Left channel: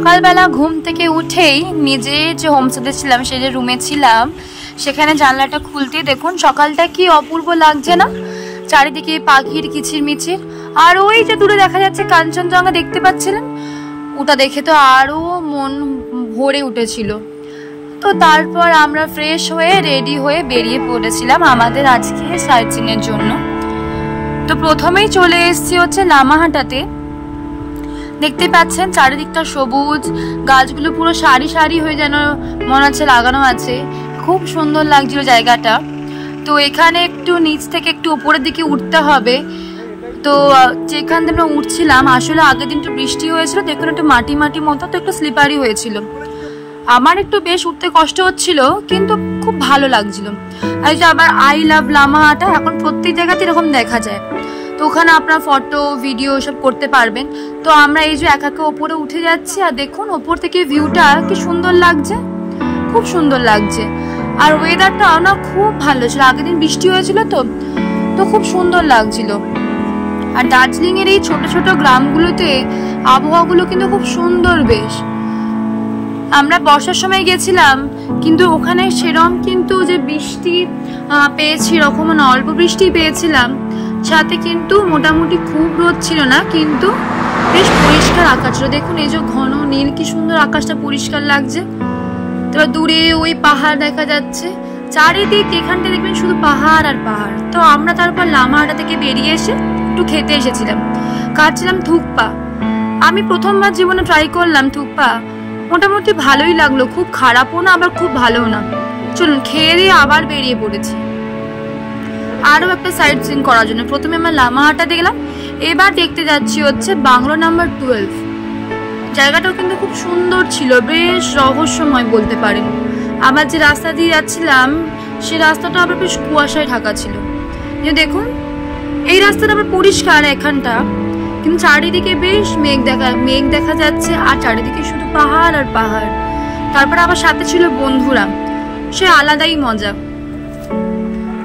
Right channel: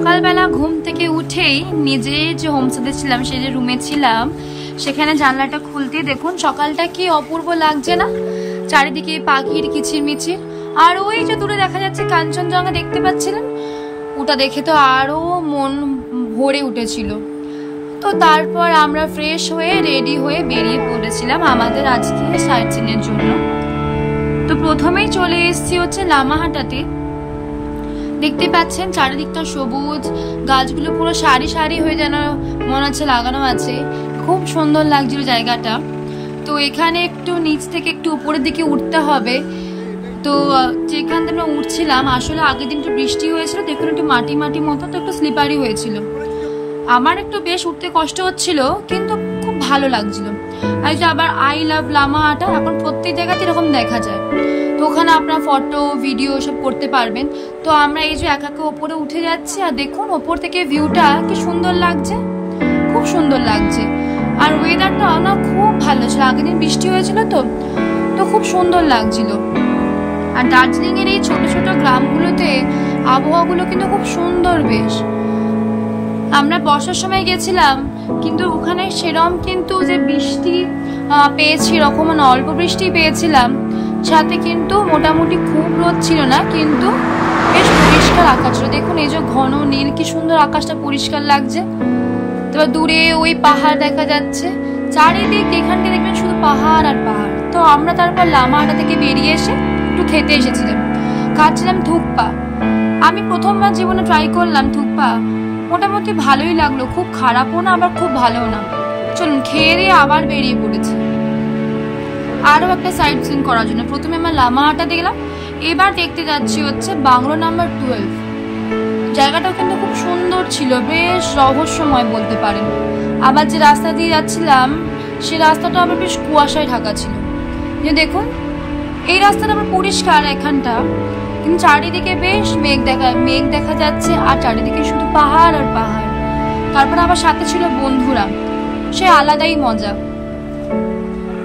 সকালবেলা ঘুম থেকে উঠেই নিজে যে হোমস্টেতে ছিলাম সেই যে রুমে ছিলাম সেখানে জানলাটা খুলতেই দেখুন সকালটা কি অপূর্ব লাগছে না, চারিদিকে পাখির কিচিরমিচির। আর ওই যে দূরে দেখা যাচ্ছে কাঞ্চনজঙ্ঘা দেখতে পাচ্ছিলেন, ওটা দেখে তো আরো মন ভরে উঠেছিল। তো তারপর আমরা ফ্রেশ হয়ে রেডি হয়ে বেরিয়ে পড়েছিলাম আমাদের আজকে সাইটসিং এর জন্য। তো প্রথমেই চলে এসেছি হচ্ছে লামাহাটাতে। দেখতে পাচ্ছেন চারিদিকটা সবুজ, গাছগুলো পুরো সারি সারি হয়ে যেন মনে হচ্ছে লাগানো আছে, খুব সুন্দর লাগছিল জায়গাটা। তো এখানে একটু নিচ থেকে একটু উপরের দিকে উঠতে হবে। তো যেখান থেকে উঠছিলাম আসলে আগের দিন একটু বৃষ্টি হয়েছিল, দেখুন একটু মাটি মাটি মতো, তো একটু স্লিপারি হয়েছিল। আমার একটু বেশ উঠতে কষ্ট হচ্ছিল কিন্তু খুব ভালো লাগছিল। আর যে আবার আই লাভ লামাহাটা এখন প্রত্যেক জায়গাতে এরকম দেখা যায়, তো ওখানে আপনার ফটো ভিডিও সব করতে পারবেন। তো আমরা এই যে একা একা ওপরে উঠে যাচ্ছি আর দেখুন ওপর থেকে ভিউটা কি সুন্দর লাগছে, খুব সুন্দর লাগছে। আর ওয়েদারটাও না খুব ভালো ছিল, আগের দিন বৃষ্টি হয়েছিল তো খুব সুন্দর লাগছিল। আর দার্জিলিং এর এই ছোট ছোট গ্রামগুলোতে আবহাওয়াগুলো কিন্তু খুব সুন্দর বেশ। আমরা বর্ষার সময় গেছিলাম কিন্তু ওখানে সেরকম কিন্তু যে বৃষ্টি পেয়েছি এরকম না, অল্প বৃষ্টি পেয়েছিলাম, সাথে কিন্তু মোটামুটি খুব রোদ ছিল না, কিন্তু বেশ পরিষ্কার আকাশ ছিল। দেখুন এই যে ঘন নীল, কি সুন্দর আকাশটা পরিষ্কার লাগছে। তারপর দূরে ওই পাহাড় দেখা যাচ্ছে, চারিদিক এখানটা দেখবেন শুধু পাহাড় আর পাহাড়। তো আমরা তারপর লামাহাটা থেকে বেরিয়ে এসে একটু খেতে এসেছিলাম, খাচ্ছিলাম থুকপা। আমি প্রথমবার জীবনে ট্রাই করলাম থুকপা, মোটামুটি ভালোই লাগলো, খুব খারাপও না আবার খুব ভালোও না। চলুন খেয়ে দিয়ে আবার বেরিয়ে পড়েছি আরো একটা সাইট সিন করার জন্য। প্রথমে আমরা লামাহাটা দেখলাম, এবার দেখতে যাচ্ছি হচ্ছে বাংলো নাম্বার 12। জায়গাটাও কিন্তু খুব সুন্দর ছিল, বেশ রহস্যময় বলতে পারেন। আবার যে রাস্তা দিয়ে যাচ্ছিলাম সেই রাস্তাটা আবার বেশ কুয়াশায় ঢাকা ছিল। দেখুন এই রাস্তাটা আবার পরিষ্কার এখানটা, কিন্তু চারিদিকে বেশ মেঘ দেখা যাচ্ছে, আর চারিদিকে শুধু পাহাড় আর পাহাড়। তারপর আবার সাথে ছিল বন্ধুরা, সে আলাদাই মজা।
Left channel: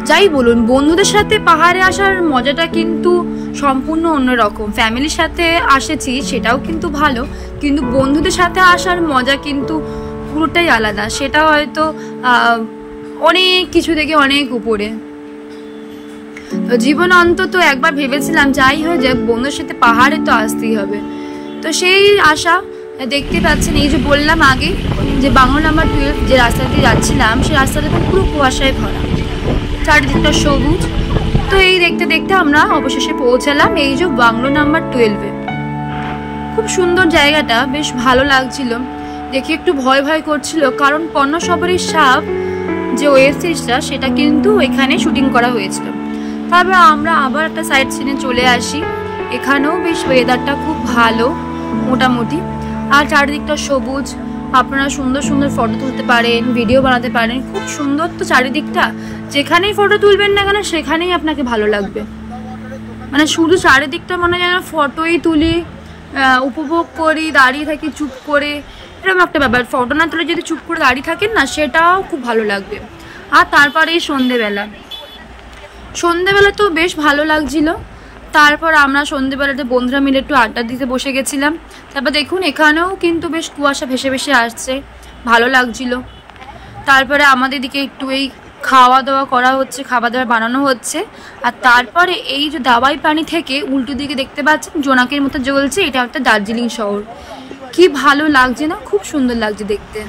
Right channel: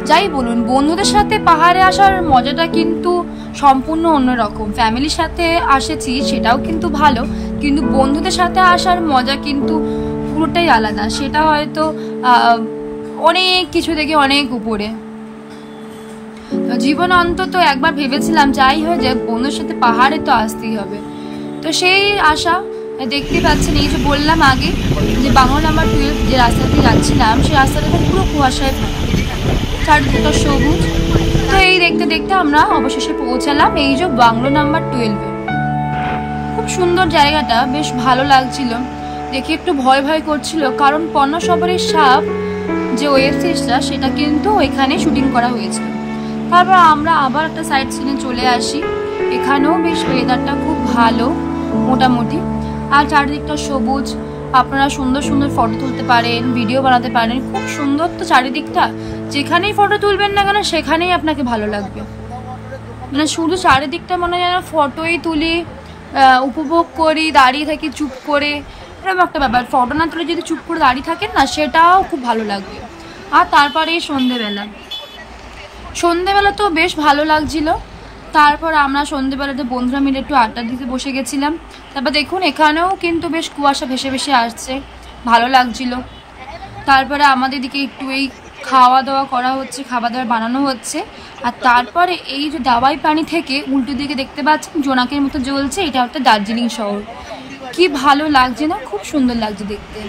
যাই বলুন, বন্ধুদের সাথে পাহাড়ে আসার মজাটা কিন্তু সম্পূর্ণ অন্যরকম। ফ্যামিলির সাথে আসেছি সেটাও কিন্তু ভালো, কিন্তু বন্ধুদের সাথে আসার মজা কিন্তু পুরোটাই আলাদা। সেটা হয়তো অনেক কিছু থেকে অনেক উপরে। জীবন অন্তত একবার ভেবেছিলাম যাই হয়ে যায় বন্ধুদের সাথে পাহাড়ে তো আসতেই হবে। তো সেই আশা দেখতে পাচ্ছেন, এই যে বললাম আগে যে বাংলো নাম্বার 12 যে রাস্তা দিয়ে যাচ্ছিলাম সেই রাস্তাটা পুরো কুয়াশায় ভরা, চারিদিকটা সবুজ। তো এই দেখতে দেখতে আমরা অবশেষে পৌঁছালাম এই যে বাংলো নাম্বার 12-এ। খুব সুন্দর জায়গাটা, বেশ ভালো লাগছিল দেখে। একটু ভয় ভয় করছিল কারণ পণ্যসবরীর সাপ যে ওয়েব সিরিজটা সেটা কিন্তু ওইখানে শুটিং করা হয়েছিল। তারপর আমরা আবার একটা সাইড সিনে চলে আসি, এখানেও বেশ ওয়েদারটা খুব ভালো মোটামুটি, আর চারিদিকটা সবুজ। আপনারা সুন্দর সুন্দর ফটো তুলতে পারেন, ভিডিও বানাতে পারেন, খুব সুন্দর। তো চারিদিকটা যেখানেই ফটো তুলবেন না কেন সেখানেই আপনাকে ভালো লাগবে, মানে শুধু চারিদিকটা মনে হয় যেন ফটোই তুলি, উপভোগ করি, দাঁড়িয়ে থাকি চুপ করে, এরকম একটা ব্যাপার। ফটো না তুলে যদি চুপ করে দাঁড়িয়ে থাকেন না সেটাও খুব ভালো লাগবে। আর তারপরে এই সন্ধেবেলা তো বেশ ভালো লাগছিল। তারপর আমরা সন্ধেবেলাতে বন্ধুরা মিলে একটু আড্ডা দিতে বসে গেছিলাম। তারপর দেখুন এখানেও কিন্তু বেশ কুয়াশা ভেসে ভেসে আসছে, ভালো লাগছিল। তারপরে আমাদের দিকে একটু এই খাওয়া দাওয়া করা হচ্ছে, খাবার দাবার বানানো হচ্ছে। আর তারপরে এই যে দাবাই পানি থেকে উল্টো দিকে দেখতে পাচ্ছেন জোনাকের মতো জ্বলছে, এটা একটা দার্জিলিং শহর। কি ভালো লাগছে না, খুব সুন্দর লাগছে দেখতে।